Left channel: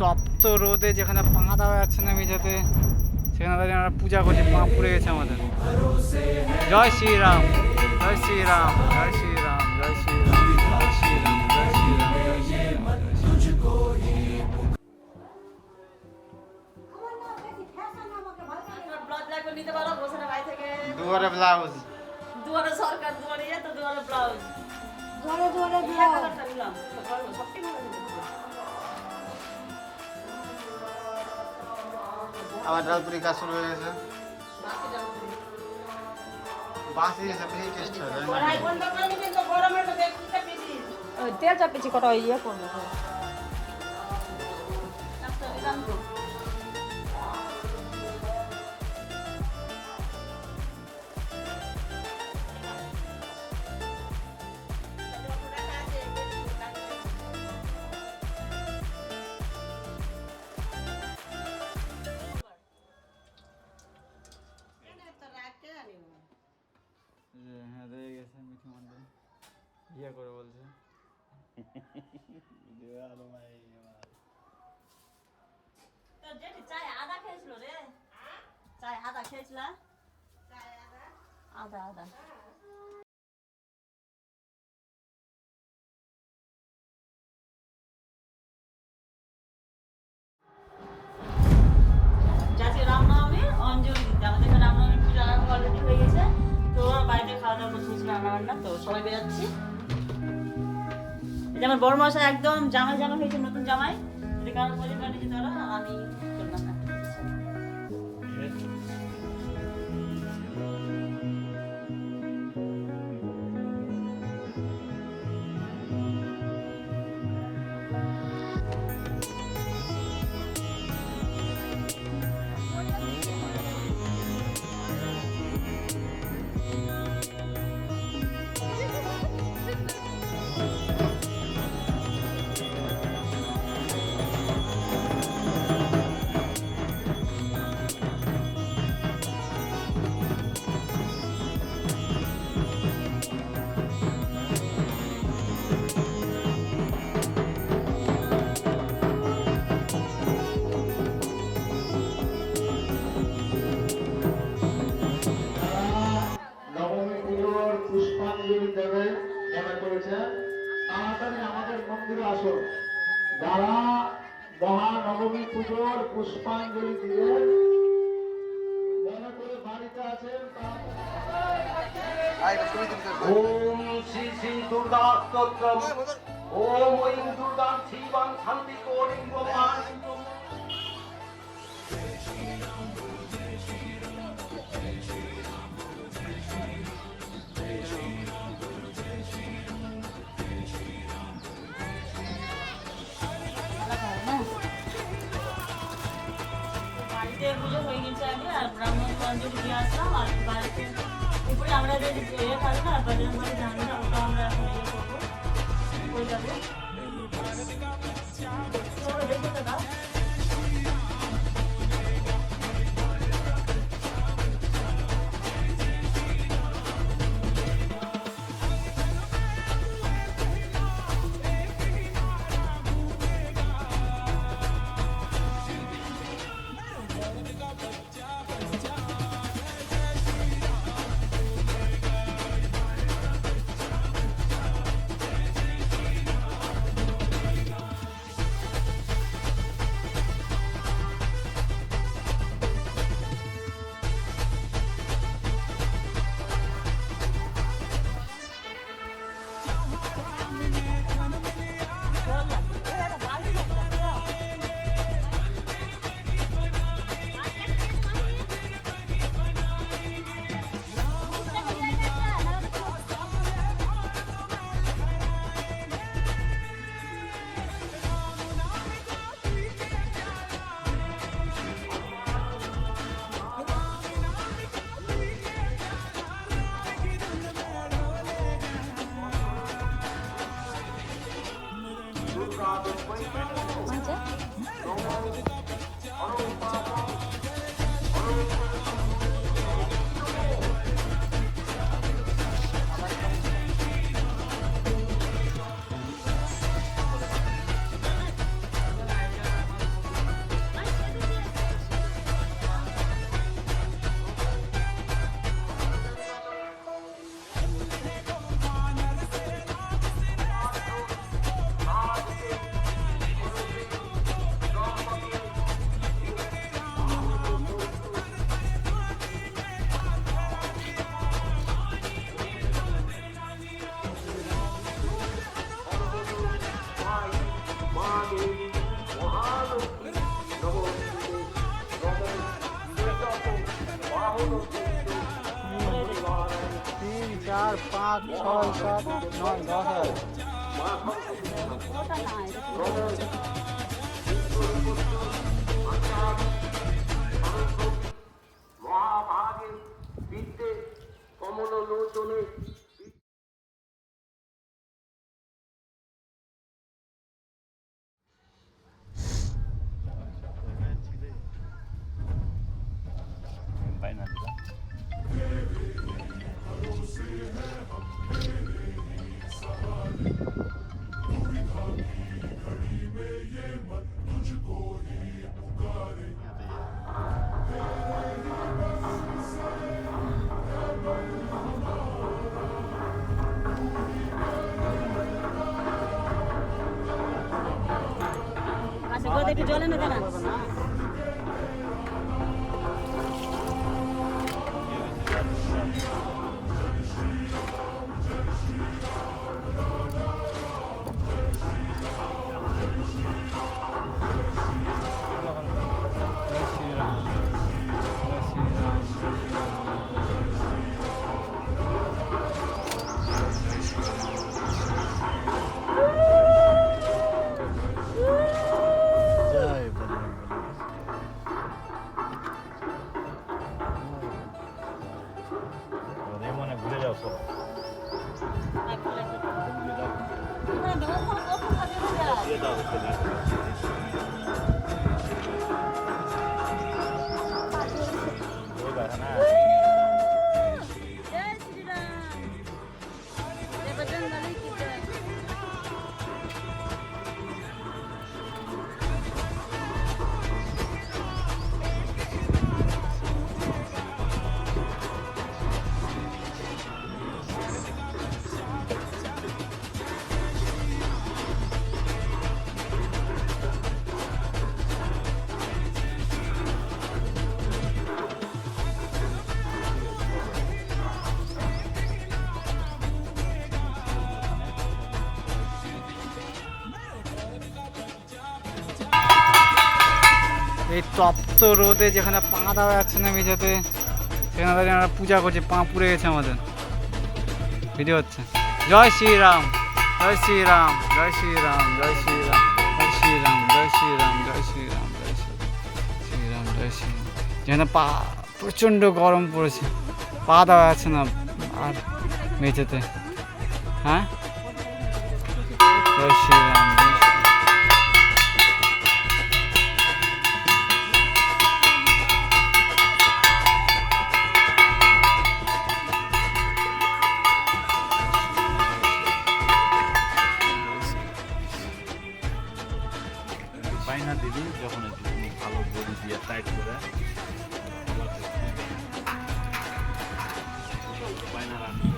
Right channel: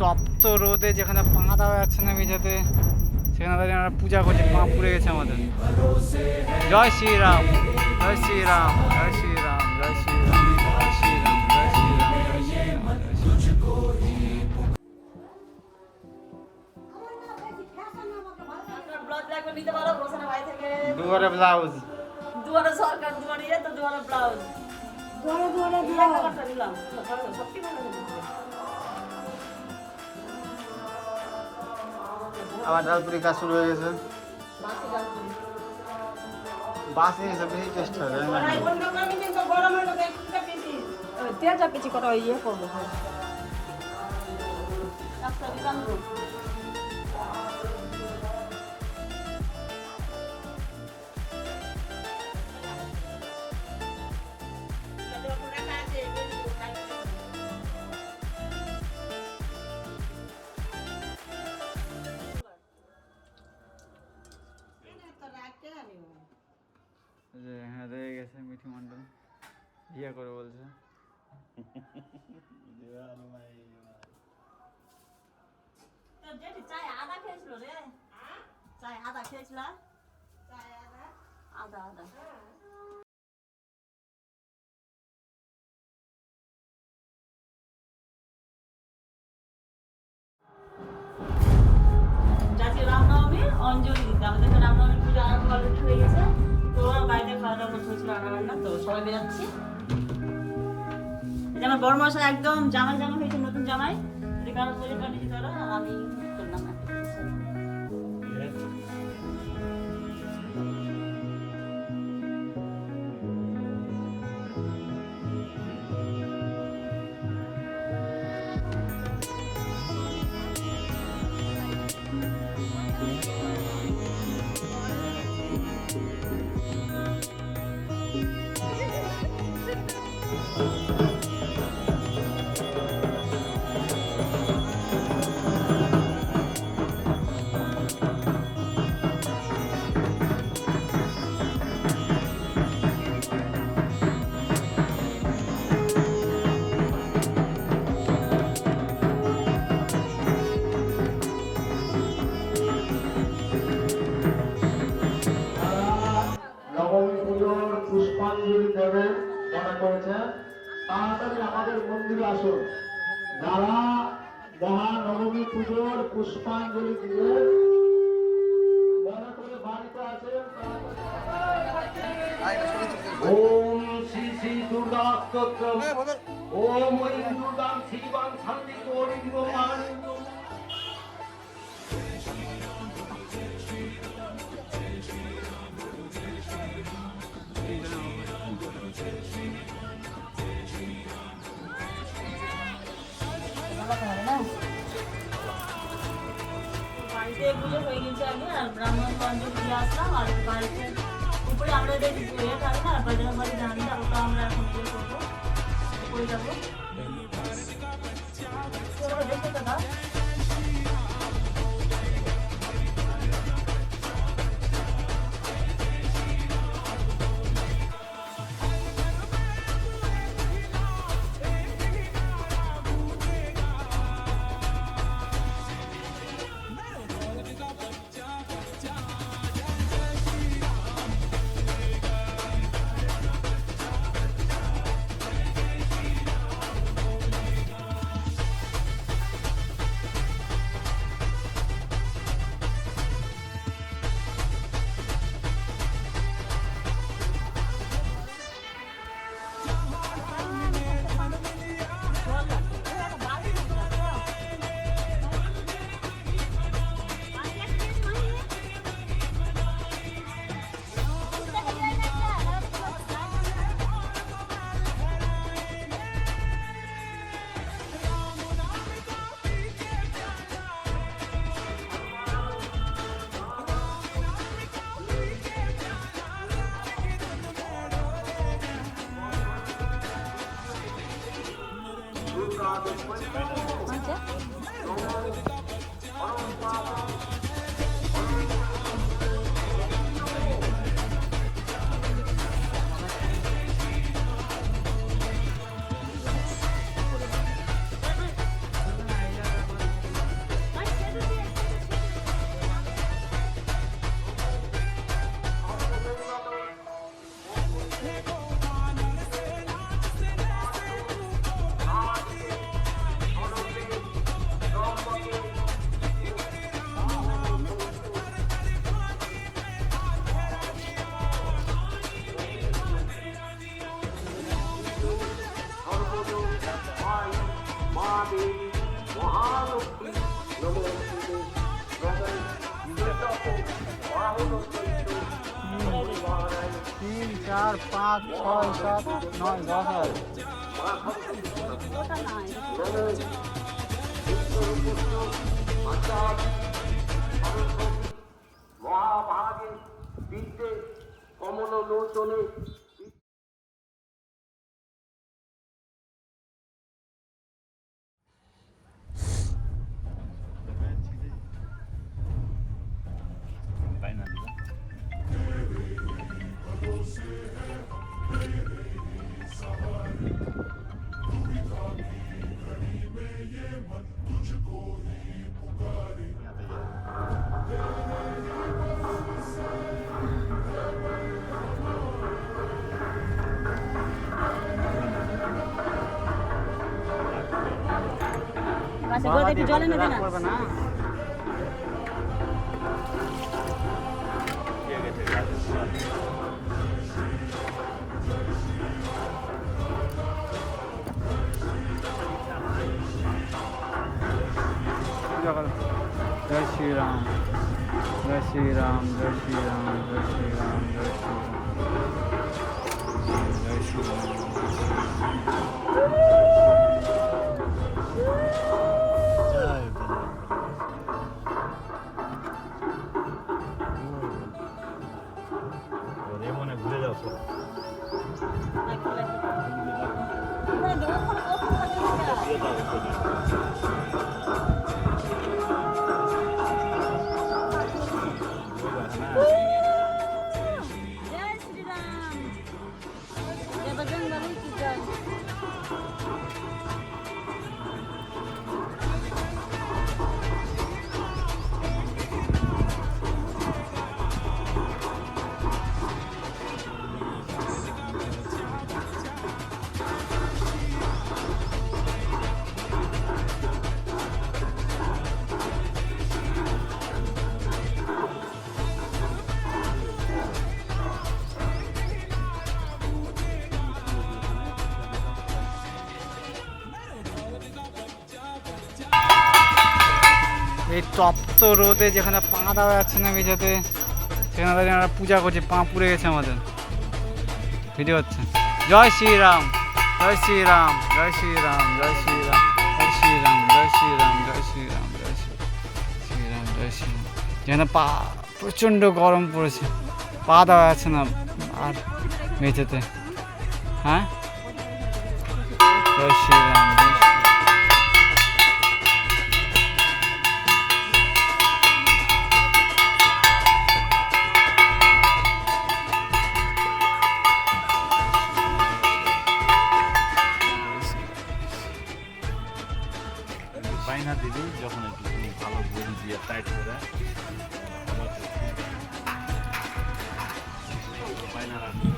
তপ্ত রোদে যেখানে পা দেওয়া যাচ্ছে না মেঝেতে, সেখানে দাঁড়িয়ে আমরা পূজা করছি। পা পুড়ে গেছে আমাদের। জয় শ্রীরাম, জয় শ্রীরাম, জয় শ্রীরাম, জয় শ্রীরাম, জয় শ্রীরাম, জয় শ্রীরাম, জয় শ্রীরাম, জয় শ্রীরাম। দুয়ারে ব্লাউজ, দুয়ারে সরকার দুয়ারে তো দুয়ারে ব্লাউজ, দুয়ারে দুয়ারে একটা নিলাম সবটি ভালো আবার ডালপুরি কাজ শুরু হয়ে গেছে। বাসে এসে বেশি টেস্ট হয়, তাই না? তেলটা পেছি কটা ইয়ে করবো। হ্যাঁ, রয়ে গেছে মিঠু মন্ডল ইয়ে করে বলছে। চায় আদা খেয়েছিল রে, চায় আদা খেয়েছিল, আদা আদা জাতীয় রামনবমী অঞ্জলি দিতে আমাদের এখানে রামনবমী পুজো আরম্ভ অলরেডি হয়ে গেছে। তো বাড়িতে খাওয়া দাওয়া করছিল রান্না, তো সবাই বেরোচ্ছি। যেমন বড় মশা একদম জামাই জামাই হয়েছে, নতুন জামাই, যদি কারো প্রয়োজন পড়ে দিতে পারো, আমি করলাম না। নবমী পুজোর পুষ্পাঞ্জলি দেবে মনে করেছে, তাড়াতাড়ি আমাদের মন্দিরে আসুন। যারা মহানবমী পুজোর পুষ্পাঞ্জলি দিয়ে মনে করে বাড়িতে আছেন, ওম শ্রী শ্রী দুর্গা স্তোত্রম, ওম ঐং দুর্গাং শিবাং শান্তি গৌরীং আনন্দম। বাড়িতে পুজো হয়ে গেছে আগে, আর ব্রাহ্মণ অঞ্জলি দিয়ে আসতাম। আর বাড়িতে উপরে আমরা ইয়ে থাকে না, বজরং বলি জানি না, ওটা আমরা এখন ইয়ে করবো, করে যাবো। দেখো দাদা মহাদেব মহালক্ষ্মী নমস্তে তিন চার পাঁচ ছয় সাত নয় 10 হয়। মহাভাগে বিদ্যে কমল লোচনে একটু জল এনে দে না। করবে না जय श्री राम जय श्री राम जय श्री राम जय श्री राम जय श्री राम এই তপ্ত রোদে যেখানে পা দেওয়া যাচ্ছে না মেঝেতে সেখানে দাঁড়িয়ে আমরা পূজা করছি, পা পুড়ে গেছে আমাদের। ভিডিও হচ্ছে। জয় শ্রীরাম জয় শ্রীরাম জয় শ্রীরাম জয় শ্রীরাম জয় শ্রীরাম জয় শ্রীরাম জয় শ্রীরাম জয় শ্রীরাম জয় শ্রীরাম। যেখানে পা প্রচণ্ড গরম পড়েছে, পা দেওয়া যাচ্ছে না আর মেঝেতে। হ্যাঁ জয় শ্রীরাম জয় শ্রীরাম। বাইনা দিবি যখন একটু তুমি ভালো বড়ি দিয়ে টাইট করে বাইনা রাখবি।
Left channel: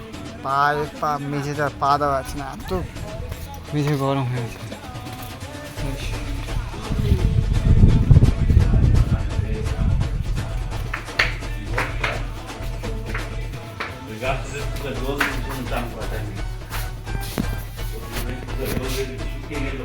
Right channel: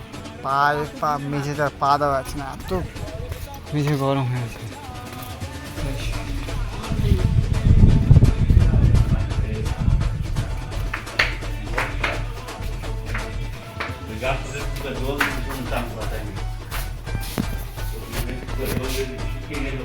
পা মেঝেতে পা দেওয়া যাচ্ছে না, এত মেঝে গরম হয়ে গেছে। গাছের জল চান করা টাইমে শুকিয়ে গেল।